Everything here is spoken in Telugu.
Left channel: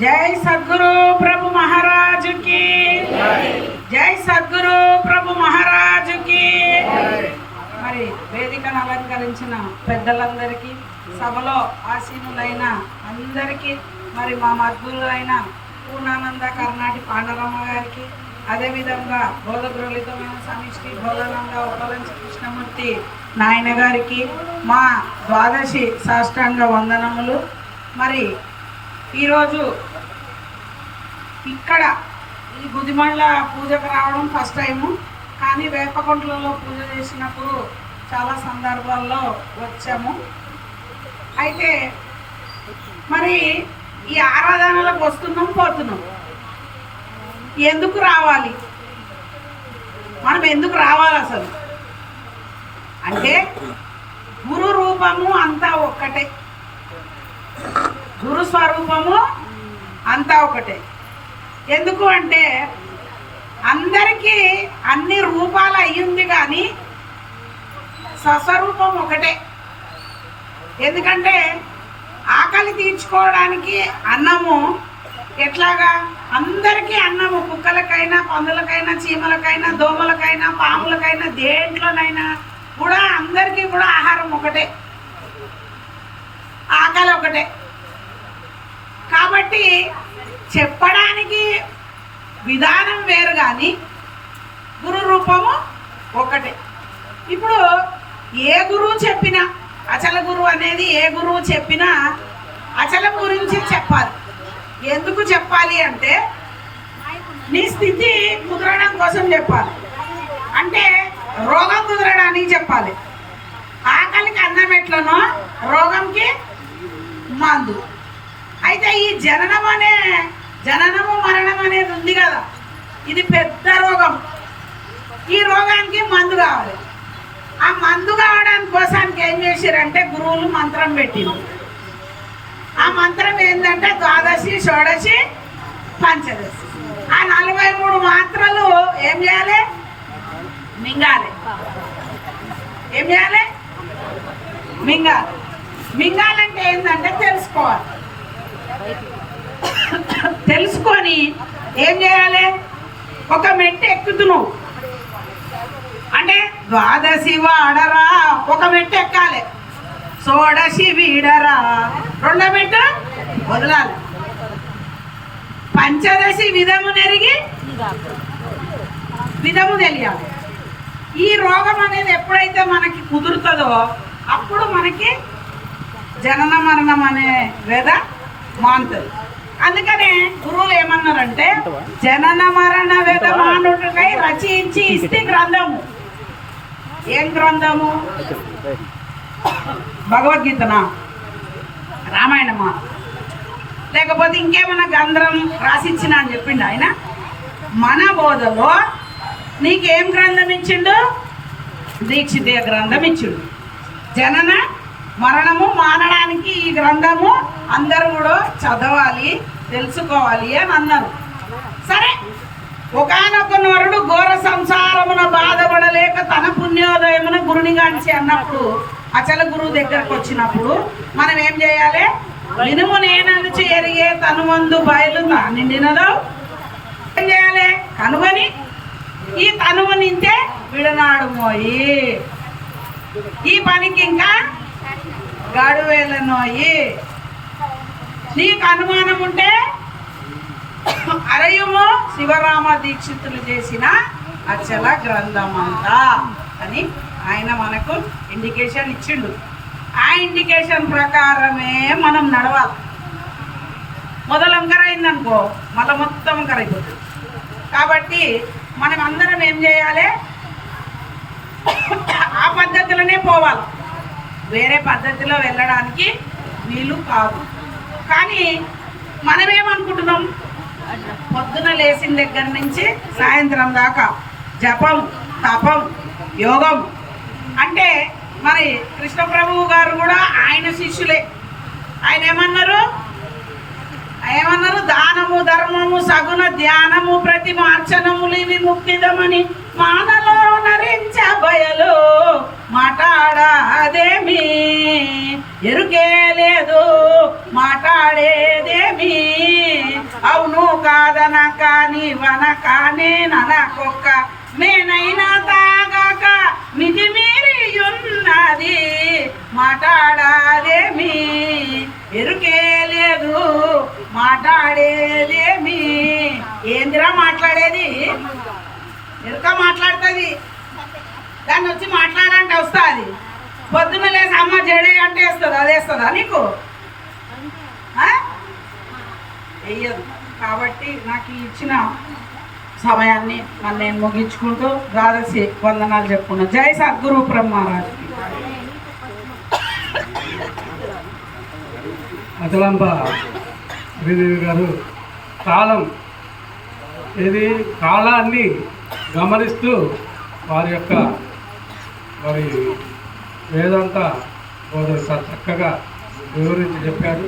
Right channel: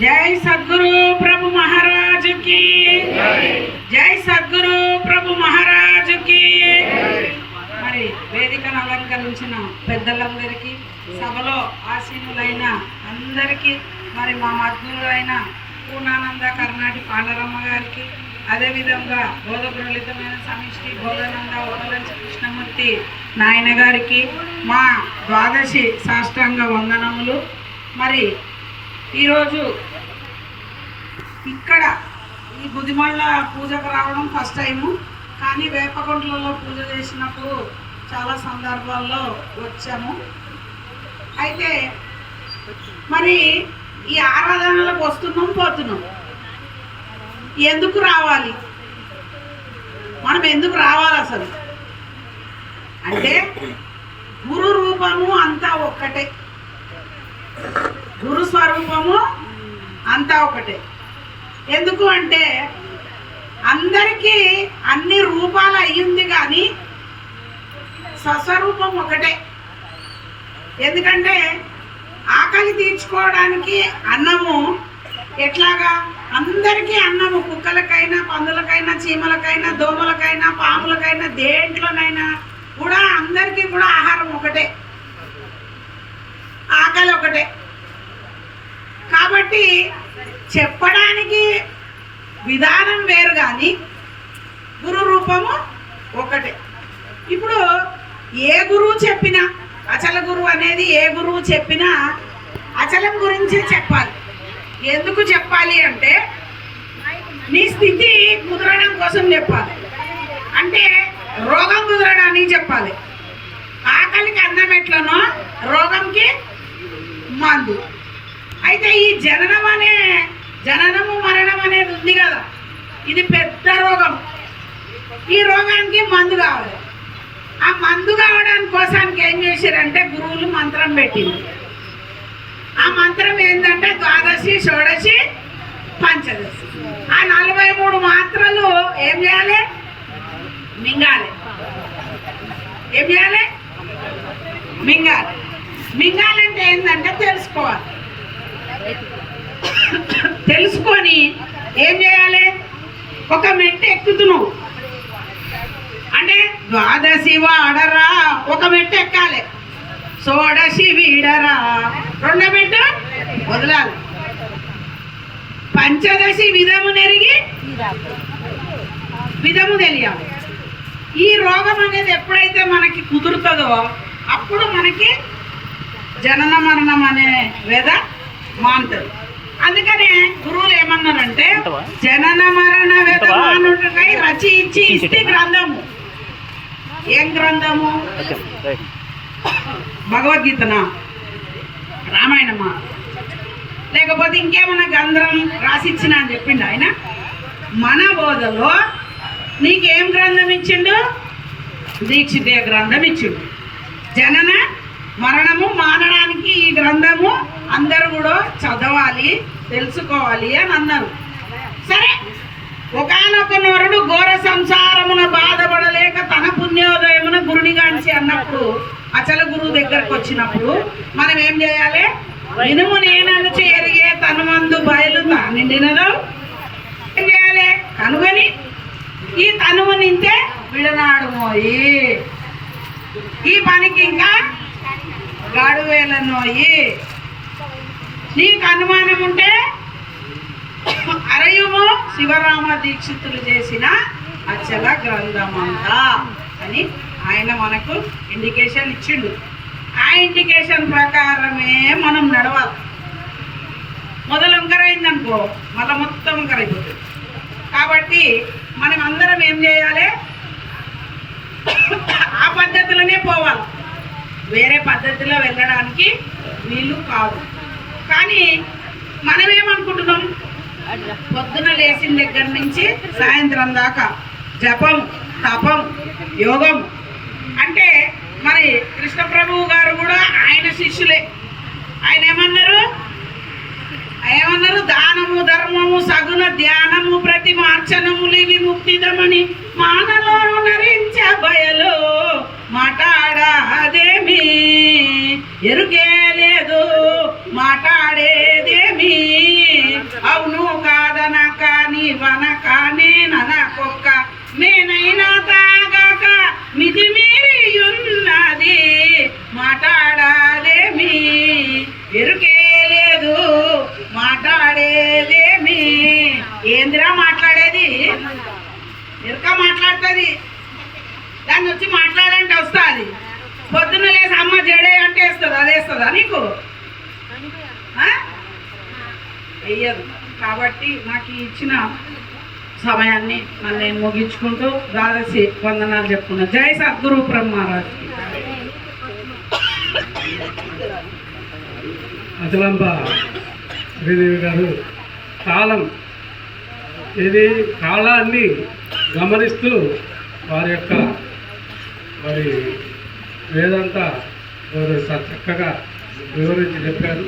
జై సద్గురు ప్రభు మహారాజ్ కి జై సద్గురు ప్రభు మహారాజ్ కి. మరి వేదికను అలంకరించిన పెద్దలందరికీ, సభలో ఆసీనులైన అందరికీ, మరి మా మద్గురులైన పూర్ణానంద కర్ణాటి పాండరమ్మ గారికి, అదేవిధంగా బోధగ్రోలితమైన సమిష్టి బోధానంద ఉపలంచి కృష్ణమూర్తి నాయన గారికి మా ద్వాదశి సాష్టాంగ వందనములు. మరి ఈరోజు ఇక్కడ ఈ గుదిమళ్ళ పూజకు రావడం ఫస్ట్ టైము, కానీ వేపకొండలలో పూజ చేసినప్పుడు చాలా సందర్భాల్లో వచ్చాము. అయితే మరి ఈ ఆరాధనలకు వస్తున్నాం పోతున్నాం, ఎందుకు రావాలి, మనం ఎందుకు రావాలి అసలు అంటే గురు రూపము అంతా ఒక్కటే, గురు స్వరూపము అంతా ఒకటే. ఎందుకు అంటే అందరికీ అన్ని రూపాలు అయ్యింది కానీ స్వస్వరూపం ఒకటే. ఎందుకంటే ఆకలి తీర్చుకోవడానికి అన్నము ఎట్లాగా అందరికీ అన్నము, కుక్కలకైనా పందులకైనా చీమలకైనా దోమలకైనా పాములకైనా దేంట్లోనైనా కూడా అందరికీ కూడా ఆహారం ఒకటే, ఆకలి ఒకటే. కాబట్టి చెప్పడానికి విధానం వేరు కానీ గురు రూపము ఒకటే. ఇప్పుడు ఏ గురువు చెప్పినా, అచల గురువు అనేది ఏ గురువు చెప్పినా అచలం గురించి చెప్పాలి. ఎందుకు చెప్పాలి అంటే నీ స్థితి కుదరడం కోసం చెప్పాలి, అంటే రోగం కుదరడానికి చెప్పాలి. ఆకలికి అన్నం ఎట్లనో రోగంకి మందు. అయితే ఈ జననము మరణం అనేది ఉంది కదా, ఇది పెద్ద రోగం. ఈ రోగానికి మందు కావాలి. ఆ మందు కావడానికి కోసానికి ఏం చేశారంటే గురువులు మంత్రం పెట్టింది. ఆ మంత్రం ఏంటంటే ద్వాదశి, షోడశి, పంచదశి. ఆ 43 మాత్రలు ఏం చేయాలి? మింగాలి. ఏం చేయాలి? మింగాలి. మింగాలంటే ఏంటంటే తెలుసుకోవాలి. తెలుసుకొని ఏం చేయాలి? ఒక మెట్టు ఎక్కుతున్నావు అంటే ద్వాదశి వాడరా ఒక మెట్టు ఎక్కాలి, షోడశి వీడరా రెండో మెట్టు వదలాలి, పంచదశి విధము నెరిగి విధము తెలియాలి. ఈ రోగం అనేది ఎప్పుడైతే మనకి కుదురుతుందో అప్పుడు మనకి జనన మరణం అనే వేద మానుతుంది. అందుకనే గురువులు ఏమన్నారంటే జనన మరణ వేద మానుటకై రచించి ఇస్తే గ్రంథము. ఏం గ్రంథము? భగవద్గీతనా, రామాయణమా, లేకపోతే ఇంకేమన్నా గ్రంథం రాసిచ్చిన అని చెప్పిండు ఆయన. మన బోధలో నీకేం గ్రంథం ఇచ్చిండు? దీక్షితీయ గ్రంథం ఇచ్చిండు. జనన మరణము మానడానికి ఈ గ్రంథము అందరూ కూడా చదవాలి, తెలుసుకోవాలి అని అన్నారు. సరే, ఒకానొక నరుడు ఘోర సంసారమున బాధపడలేక తన పుణ్యోదయమున గురునిగాంచి అన్నప్పుడు, అచల గురువు దగ్గరకు వచ్చినప్పుడు మనం ఏం చేయాలి? వినుము నేనను చేరిగే తను మందు బయలు తానిండినదో ఏం చేయాలి? కనుగొని ఈ తనువు నింతే విడనాడు మోయి, ఈ పనికి ఇంకా గాడువేలనోయి. నీకు అనుమానం ఉంటే అరయుము శివరామ దీక్షితులు చేసిన అచల గ్రంథమంతా అని ఆయన మనకు ఇండికేషన్ ఇచ్చిండు. ఆ ఇండికేషన్ ప్రకారమే మనం నడవాలి. మొదలు వంకరైందనుకో మళ్ళీ మొత్తం వంకరైపోతుంది. కాబట్టి మనం అందరం ఏం చేయాలి? ఆ పద్ధతిలోనే పోవాలి, వేరే పద్ధతిలో వెళ్ళడానికి వీలు కాదు. కానీ మనమేమనుకుంటున్నాం? పొద్దున లేచిన దగ్గర నుంచి సాయంత్రం దాకా జపం, తపం, యోగం. అంటే మరి కృష్ణప్రభువు గారు కూడా ఆయన శిష్యులే. ఆయన ఏమన్నారు? దానము, ధర్మము, సగుణ ధ్యానము, ప్రతి మార్చనములు ఇవి ముక్తిదమని మానలో నరించ బయలు మాట్లాడదేమి ఎరుకే లేదు, మాట్లాడేదేమి కుక్క మేనైనా తాగాక మితిమీరి ఉన్నది మాట్లాడాలేమి ఎరుకే లేదు మాట్లాడేదేమి ఏందిరా మాట్లాడేది ఎరుక మాట్లాడుతుంది దాన్ని వచ్చి మాట్లాడంటే వస్తుంది పొద్దున్న లేసి అమ్మ జడే అంటే వేస్తుంది అది వేస్తుందా నీకు వెయ్యదు కాబట్టి నాకు ఇచ్చిన సమయాన్ని మళ్ళీ నేను ముగించుకుంటూ ద్వాదశి వందనాలు చెప్పుకున్నాను. జై సద్గురు బ్రహ్మరాజ్కి. అచలంబ శ్రీదేవి గారు కాలాన్ని గమనిస్తూ వారి యొక్క వేదాంత చక్కగా వివరించి చెప్పారు.